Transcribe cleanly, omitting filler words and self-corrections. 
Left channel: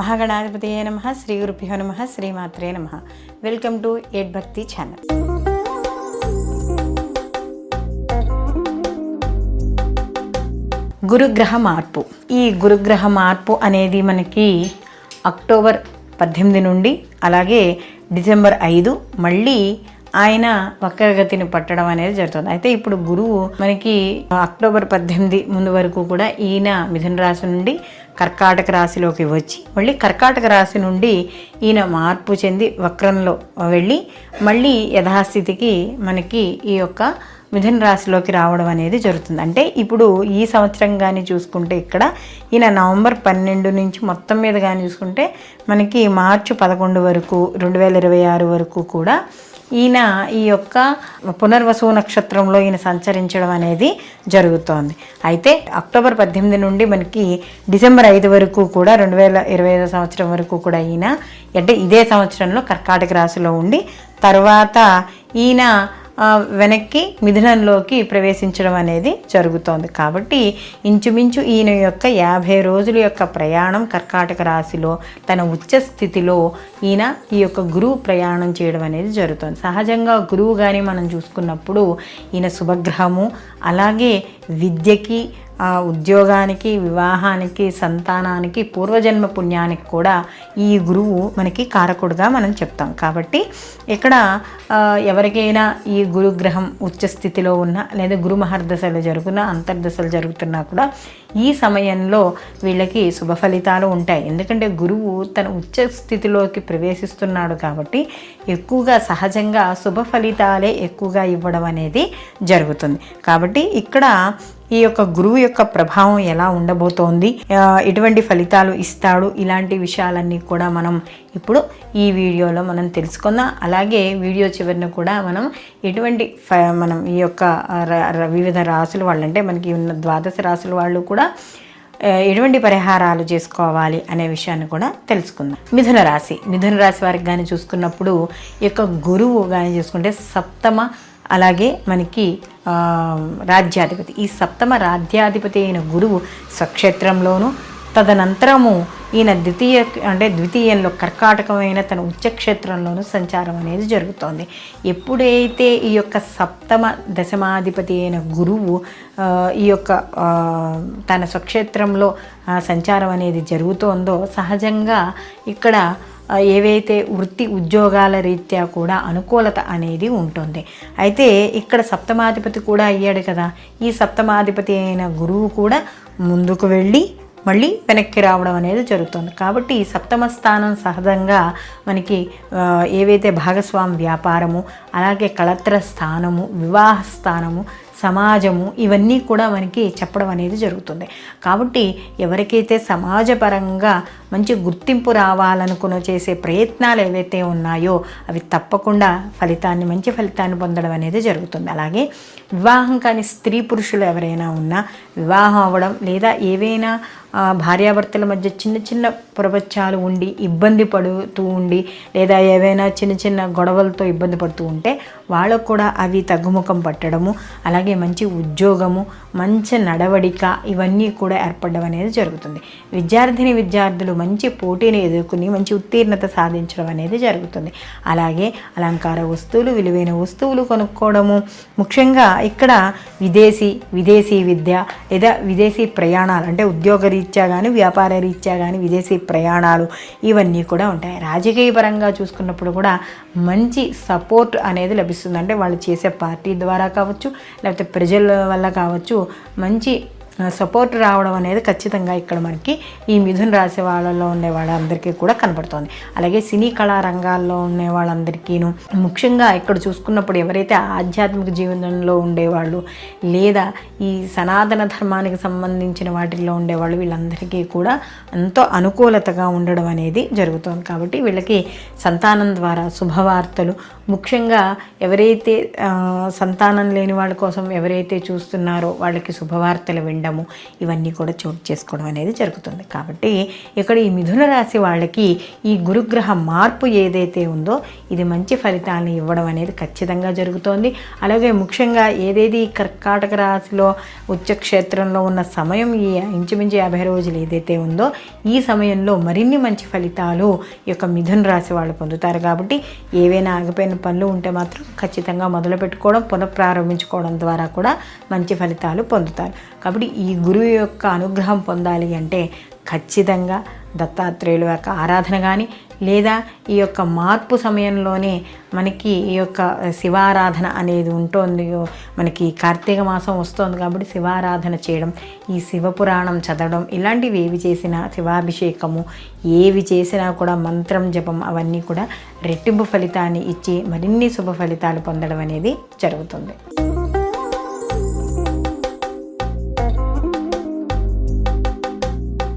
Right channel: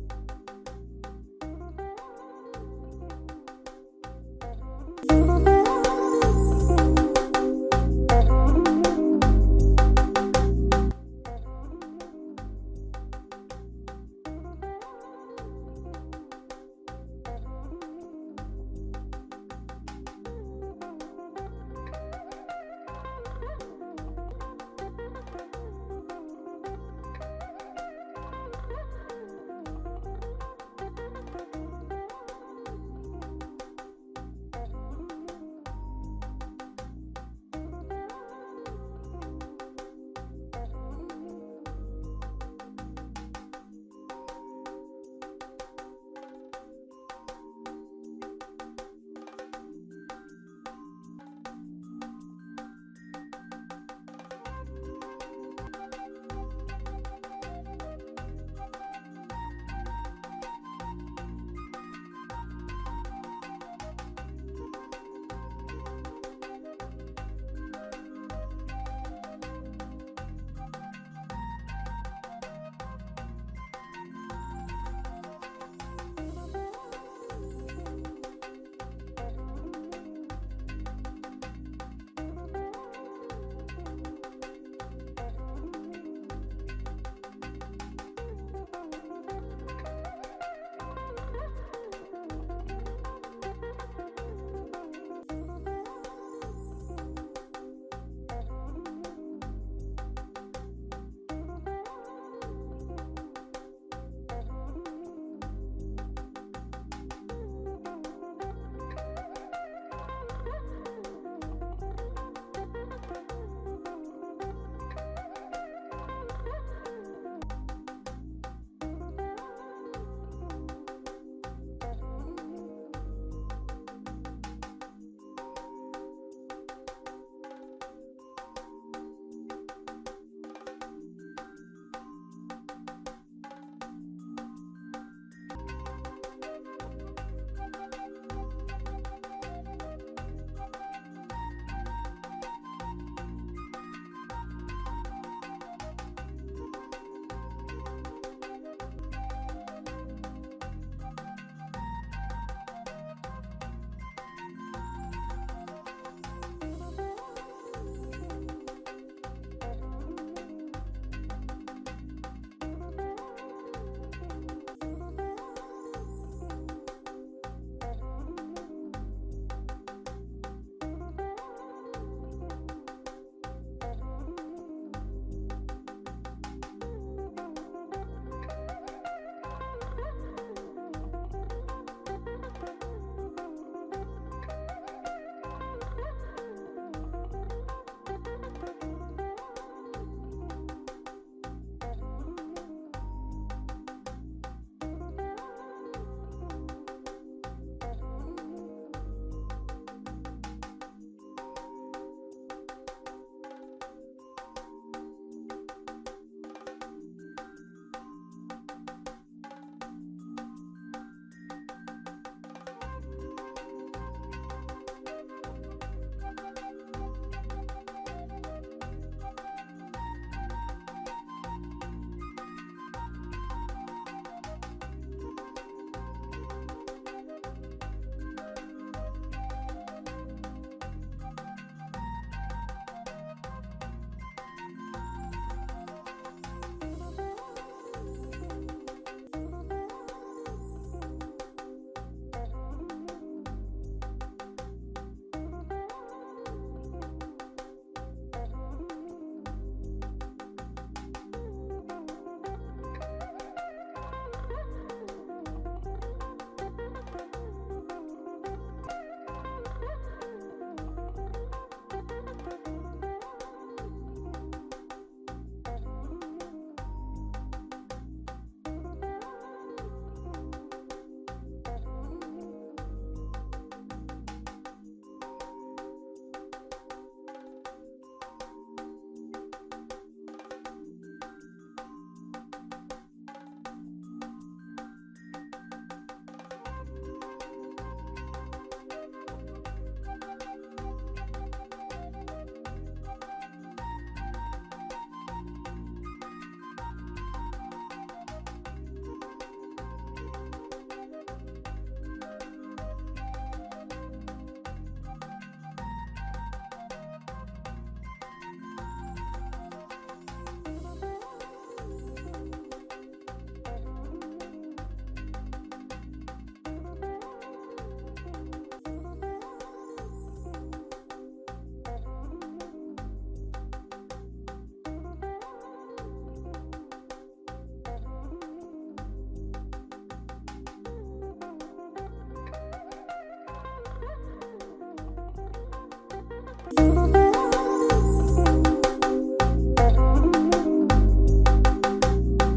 మహాగణాధిపతయే నమః. శ్రీ గురుభ్యో నమః. శ్రీమాత్రే నమః. వెల్కమ్ టు ఎడ్ భక్తి ఛానల్. గురుగ్రహ మార్పు. ఈ గురుగ్రహ మార్పు అనేది మనకి అక్టోబర్ 18 నుండి అలాగే డిసెంబర్ 5 మళ్ళీ ఆయన వక్రగతిని పట్టడం అనేది జరుగుతుంది. అయితే ఇప్పుడు గురువు మనకి అక్టోబర్ 18 ముందు వరకు కూడా ఈయన మిథున రాశి నుండి కర్కాటక రాశిలోకి వచ్చి మళ్ళీ కర్కాటక రాశి నుండి ఈయన మార్పు చెంది వక్రంలో వెళ్ళి మళ్ళీ యథాస్థితికి మనకి ఈ యొక్క మిథున రాశిలోకి రావడం అనేది జరుగుతుంది. అంటే ఇప్పుడు ఈ సంవత్సరం కానీ చూసుకుంటే ఇక్కడ ఈయన నవంబర్ 12 నుంచి మొత్తం మీద కానీ చూసుకుంటే మనకి మార్చి 11 వరకు 2026 వరకు కూడా ఈయన ఈ యొక్క పునర్వసు నక్షత్రంలో ఈయన సంచరించడం అనేది జరుగుతోంది. అయితే అక్టోబర్ 18 నుండి మనకి డిసెంబర్ 5 వరకు కూడా 2025 సంవత్సరం వరకు కూడా ఈయన అంటే ఇదే సంవత్సరంలో కర్కాటక రాశిలో ఉండి తర్వాత ఈయన వెనక్కి మిథునంలోకి ప్రవేశించడం అనేది జరుగుతోంది. కాబట్టి ఇంచుమించు ఈయన యొక్క 50 రోజుల యొక్క ప్రయాణం కర్కాటక రాశిలో తన ఉచ్చ స్థితిలో ఈయన ఈ యొక్క గురువు ప్రయాణం చేయడం అనేది జరుగుతుంది. సహజంగా గురువు కానీ మనం చూసుకున్నప్పుడు ఈయన శుభగ్రహము, అలాగే విద్యకి, ఉద్యోగానికి, వివాహానికి, సంతానానికి, పూర్వజన్మ పుణ్యానికి కూడా ఈ గురువు మనకి కారకుడుగా మనం చెప్తాం. కాబట్టి ఇక్కడ ఎవరికైనా ఈ గురుగ్రహం ఉచ్చస్థితిలో ఉన్న లేదా గురు మహర్దశలు జరుగుతున్నా అంతర్దశలు జరుగుతున్నా కూడా ఈ సమయంలో వీళ్ళకి శుభ ఫలితాలు ఉంటాయి. ఎందుకంటే గురువు తన ఉచ్చ స్థితిలోకి ప్రవేశిస్తున్నాడు కాబట్టి ఎక్కువగా సహజంగా శుభ ఫలితాలే ఎక్కువగా ఇవ్వడం అనేది జరుగుతుంది. కాబట్టి ఇక్కడ ఈ యొక్క గురువు యొక్క ప్రభావం ఎలా ఉండబోతోంది, ఎటువంటి ఫలితాలు ఇస్తాడు, ఇలాంటి విషయాలన్నీ కూడా మనం ఇప్పుడు ఈ వీడియోలో మనం తెలుసుకుందాం. అలాగే వీడియో చివరిన కూడా మనం మనం ఈ యొక్క వివిధ రాసుల వాళ్ళు అంటే మనకి ఉన్న ద్వాదశ రాసుల వాళ్ళు కూడా ఎటువంటి పరిహారాలు చేసుకోవాలి అనే విషయాన్ని కూడా తెలుసుకుందాం. మిథున రాశి వారికి కానీ చూసుకున్నప్పుడు ఈ యొక్క గురువు కానీ చూసుకుంటే సప్తమ అలాగే మనకి రాజ్యాధిపతి. ఈ సప్తమ రాజ్యాధిపతి అయిన గురువు స్వక్షేత్రంలోను తదనంతరము ఈయన ద్వితీయంలో కర్కాటకమైన తన ఉచ్చక్షేత్రంలోనూ సంచారం అనేది జరుగుతోంది. ఎప్పుడైతే ఈ యొక్క సప్తమ దశమాధిపతి అయిన గురువు ఈ యొక్క తన స్వక్షేత్రంలో సంచారం అనేది జరుగుతోందో సహజంగా ఇక్కడ ఏవైతే వృత్తి ఉద్యోగాల రీత్యా కూడా అనుకూలత అనేది ఉంటుంది. అయితే ఇక్కడ సప్తమాధిపతి కూడా అయ్యాడు కదా, ఈ సప్తమాధిపతి అయిన గురువు కూడా ముందుకు వెళ్ళి మళ్ళీ వెనక్కి రావడం అనేది జరుగుతుంది. కాబట్టి ఈ సప్తమ స్థానం సహజంగా మనకి ఏవైతే భాగస్వామి వ్యాపారము, అలాగే కళత్ర స్థానము, వివాహ స్థానము, సమాజము ఇవన్నీ కూడా మనకి చెప్పడం అనేది జరుగుతుంది. కాబట్టి ఎవరికైతే సమాజపరంగా మంచి గుర్తింపు రావాలనుకుని చేసే ప్రయత్నాలు ఏవైతే ఉన్నాయో అవి తప్పకుండా మంచి ఫలితాన్ని పొందడం అనేది జరుగుతుంది. అలాగే వివాహం కాని స్త్రీ పురుషులు ఎవరైనా ఉన్నా వివాహం అవ్వడం లేదా ఏవైనా భార్యాభర్తల మధ్య చిన్న చిన్న ప్రపంచాలు ఉండి ఇబ్బంది పడుతూ ఉండి లేదా ఏవైనా చిన్న చిన్న గొడవలతో ఇబ్బంది పడుతూ ఉంటే వాళ్ళకు కూడా అవి తగ్గుముఖం పట్టడము, అలాగే మంచి ఉద్యోగము, మంచి నడవడిక ఇవన్నీ కూడా ఏర్పడడం అనేది జరుగుతుంది. విద్యార్థులు మంచి పోటీని ఎదుర్కొని మంచి ఉత్తీర్ణత సాధించడం అనేది జరుగుతుంది. అలాగే అలంకార వస్తువులు, విలువైన వస్తువులు కొనుక్కోవడము, ముఖ్యంగా ఇక్కడ విదేశీ విద్య లేదా విదేశీ ప్రయాణాలు అంటే ఉద్యోగ రీత్యా కానీ వ్యాపార రీత్యా కానీ విదేశీ ప్రయాణాలు ఇవన్నీ కూడా ఉంటాయి. రాజకీయ పరంగా చూసుకున్నప్పుడు కూడా మంచి సపోర్ట్ అనేది లభిస్తుంది. అంటే వాళ్ళు చేసే పార్టీ ద్వారా కావచ్చు లేకపోతే ప్రజల వల్ల కావచ్చు మంచి సపోర్ట్ రావడం అనేది ఖచ్చితంగా ఇక్కడ మనకి ఈ మిథున రాశి వాళ్ళలో ఉండే వాళ్ళందరికీ కూడా కనపడుతుంది. అలాగే సినీ కళా రంగాల్లో ఉండే వాళ్ళందరికీను ముఖ్యంగా ఇక్కడ చూసుకున్నప్పుడు ఎవరైతే ఆధ్యాత్మిక జీవనంలో ఉండేవాళ్ళు లేదా ఈ సనాతన ధర్మానికి సంబంధించిన వాటిల్లో ఉండేవాళ్ళు వీళ్ళందరికీ కూడా ఎంతో అనుకూలతగా ఉండడం అనేది జరుగుతుంది. కాబట్టి వీళ్ళకి సంతానం ద్వారా శుభవార్తలు, ముఖ్యంగా ఎవరైతే సంతానం లేని వాళ్ళ కోసం ఎవరైతే చూస్తున్నారో వాళ్ళకి శుభవార్తలు వినడం, నిండము ఇవన్నీ కూడా చోటు చేసుకోవడం అనేది జరుగుతుంది. కాబట్టి ఇక్కడ ఈ మిథున రాశి వాళ్ళకి ఈ గురుగ్రహ మార్పు ఏదైతే ఉందో ఇది మంచి ఫలితాలను ఇవ్వడం అనేది ఖచ్చితంగా జరుగుతోంది. అలాగే ముఖ్యంగా ఏదేది కర్కాటక రాశిలో ఉచ్చక్షేత్రంలో ఉన్న సమయం ఈ ఇంచుమించు 50 రోజులు ఏదైతే ఉందో ఈ సమయంలో మరిన్ని మంచి ఫలితాలు ఈ యొక్క మిథున రాశి వాళ్ళు పొందుతారు. కాబట్టి ఏవైనా ఆగిపోయిన పనులు ఉంటే మాత్రం ఖచ్చితంగా మొదలు పెట్టుకోవడం పునఃప్రారంభించుకోవడం ద్వారా కూడా మంచి ఫలితాలు పొందుతారు. కాబట్టి ఈ గురువు యొక్క అనుగ్రహం పొందాలి అంటే ఖచ్చితంగా దత్తాత్రేయుల యొక్క ఆరాధన కానీ లేదా ఈ యొక్క మార్పు సమయంలోనే మనకి ఈ యొక్క శివారాధన అనేది ఉంటుంది. మనకి కార్తీక మాసం వస్తుంది కాబట్టి శివారాధన చేయడం, ఈ శివపురాణం చదవడం, ఇలాంటివి ఏవి చేసినా శివాభిషేకము ఏవి చేసినా కూడా మంత్రం జపం అవన్నీ కూడా రెట్టింపు ఫలితాన్ని ఇచ్చి మరిన్ని శుభ ఫలితాలు పొందడం అనేది జరుగుతుంది.